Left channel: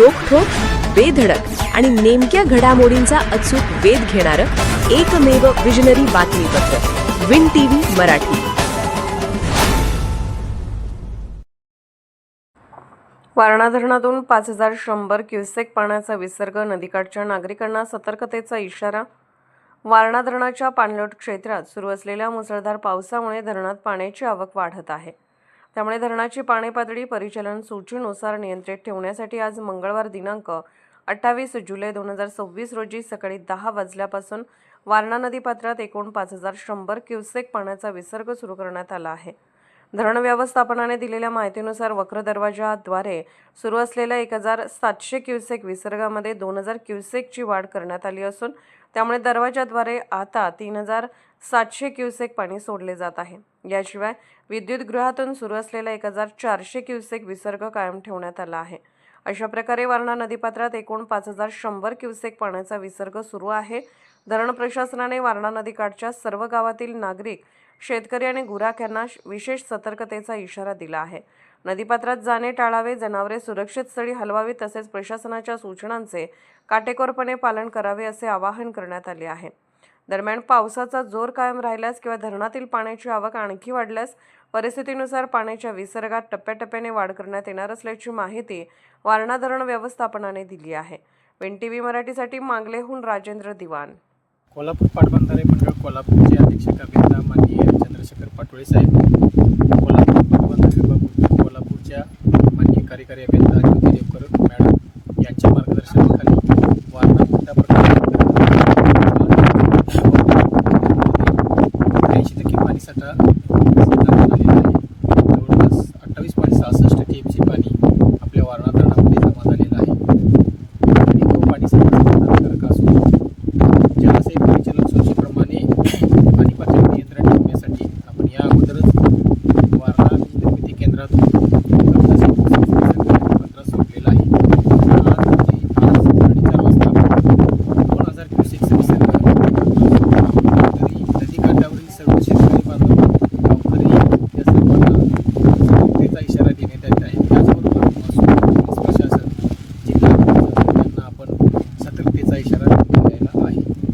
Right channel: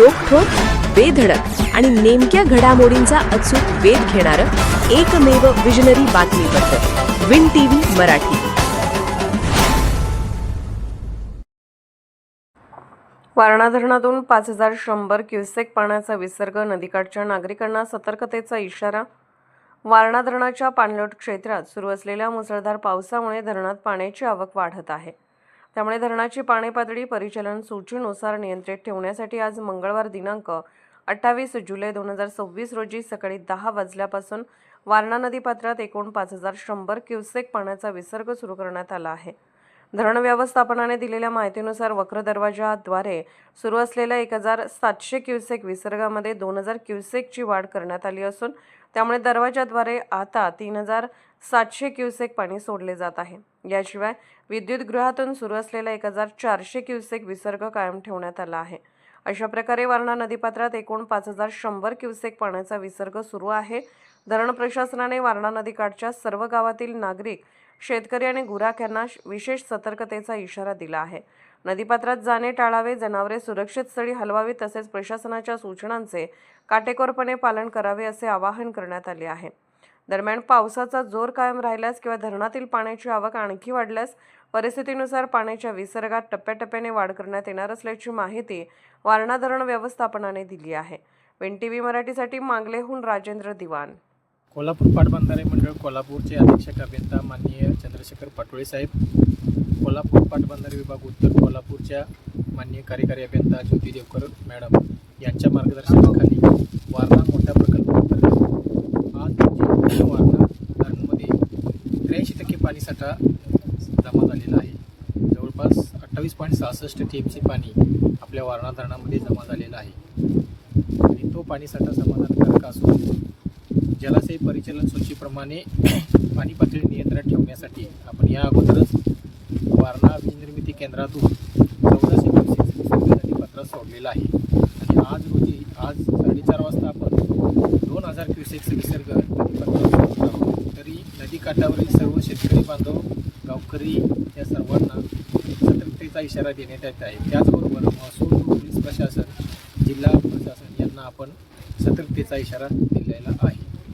रोखठोक, बेधडक आणि नेमक्या घडामोडींचा अचूक वेध घेणारं एकमेव विजनरी बातमीपत्र विन टीव्ही मराठी. वारणा धरणातून 5100 क्युसेक पाण्याचा विसर्ग, नदीकाठच्या नागरिकांना सतर्कतेचा इशारा. वारणा धरणाच्या पाणलोट क्षेत्रात सुरू असलेल्या मुसळधार पावसामुळे धरणात पाण्याची आवक वाढत आहे. त्यामुळे धरणाची पाणी पातळी परिचालन सूचीनुसार नियंत्रित ठेवण्यासाठी आज मंगळवार दिनांक 28 जुलै 2026 रोजी सकाळी 10 वाजल्यापासून वारणा नदीपात्रात एकूण 5100 क्युसेक पाण्याचा विसर्ग सुरू करण्यात आला आहे. धरण व्यवस्थापनाने दिलेल्या माहितीनुसार वक्र दरवाजाद्वारे सुरू असलेल्या 1700 क्युसेक विसर्गामध्ये 2000 क्युसेकची वाढ करण्यात आली असून त्यामुळे दरवाजाद्वारे आता 3700 क्युसेक पाणी सोडले जात आहे. याशिवाय विद्युत गृहातून सुरू असलेला 1400 क्युसेक विसर्ग कायम ठेवण्यात आला आहे. अशा प्रकारे वारणा नदीपात्रात एकूण 5100 क्युसेक पाण्याचा विसर्ग सुरू आहे. धरण प्रशासनाने वारणा नदीकाठच्या सर्व गावातील नागरिक, शेतकरी आणि गुराख्यांना विशेष सतर्कतेचा इशारा दिला आहे. नदीपात्रात जाणे टाळावे, जनावरे सुरक्षित स्थळी हलवावी तसेच प्रशासनाच्या सूचनांचे काटेकोरपणे पालन करावे असे आवाहन करण्यात आले आहे. दरम्यान पावसाचा जोर कायम राहिल्यास किंवा धरणातील पाण्याची आवक आणखी वाढल्यास परिस्थितीनुसार पाण्याच्या विसर्गात टप्प्याटप्प्याने वाढ करण्यात येणार असल्याची माहिती वारणा धरण व्यवस्थापनाने दिली आहे. विन टीव्ही मराठीसाठी मांगलेहून राजेंद्र दिवाण. कोल्हापूर पाटबंधारे मंडळ कोल्हापूरचे अधीक्षक अभियंता माननीय चंद्रशेखर पाटोळे साहेब, कोल्हापूर पाटबंधारे विभाग उत्तर कोल्हापूरच्या माननीय कार्यकारी अभियंता ज्योती देवकर मॅडम यांच्या मार्गदर्शनाखाली वारणा मोठ्या प्रमाणात 83% पाणीसाठा जमा झालेला आहे. जवळपास 28.66 TMC पाणी आपल्या वारणा धरणामध्ये जमा झालेलं आहे आणि तो पाणीसाठा समाधानकारक असून जलाशय परिचालन सूचीप्रमाणे पाणी पातळी नियंत्रण ठेवण्यासाठी आपण या अगोदरच वारणा वीज निर्मिती केंद्रातून 1400 पत्र सोडलेलं आहे. आज 4:30 वाजता आपण 2000 क्युसेकचा विसर्ग तरी नदीकाठावरील सर्व शेतकरी बांधव, गावकरी या सर्वांना सतर्कतेचा इशारा देण्यात येत आहे. त्याचबरोबर महसूल, पोलीस प्रशासन, जिल्हा प्रशासन यांना आपण सतर्कतेचा इशारा दिलेला आहे.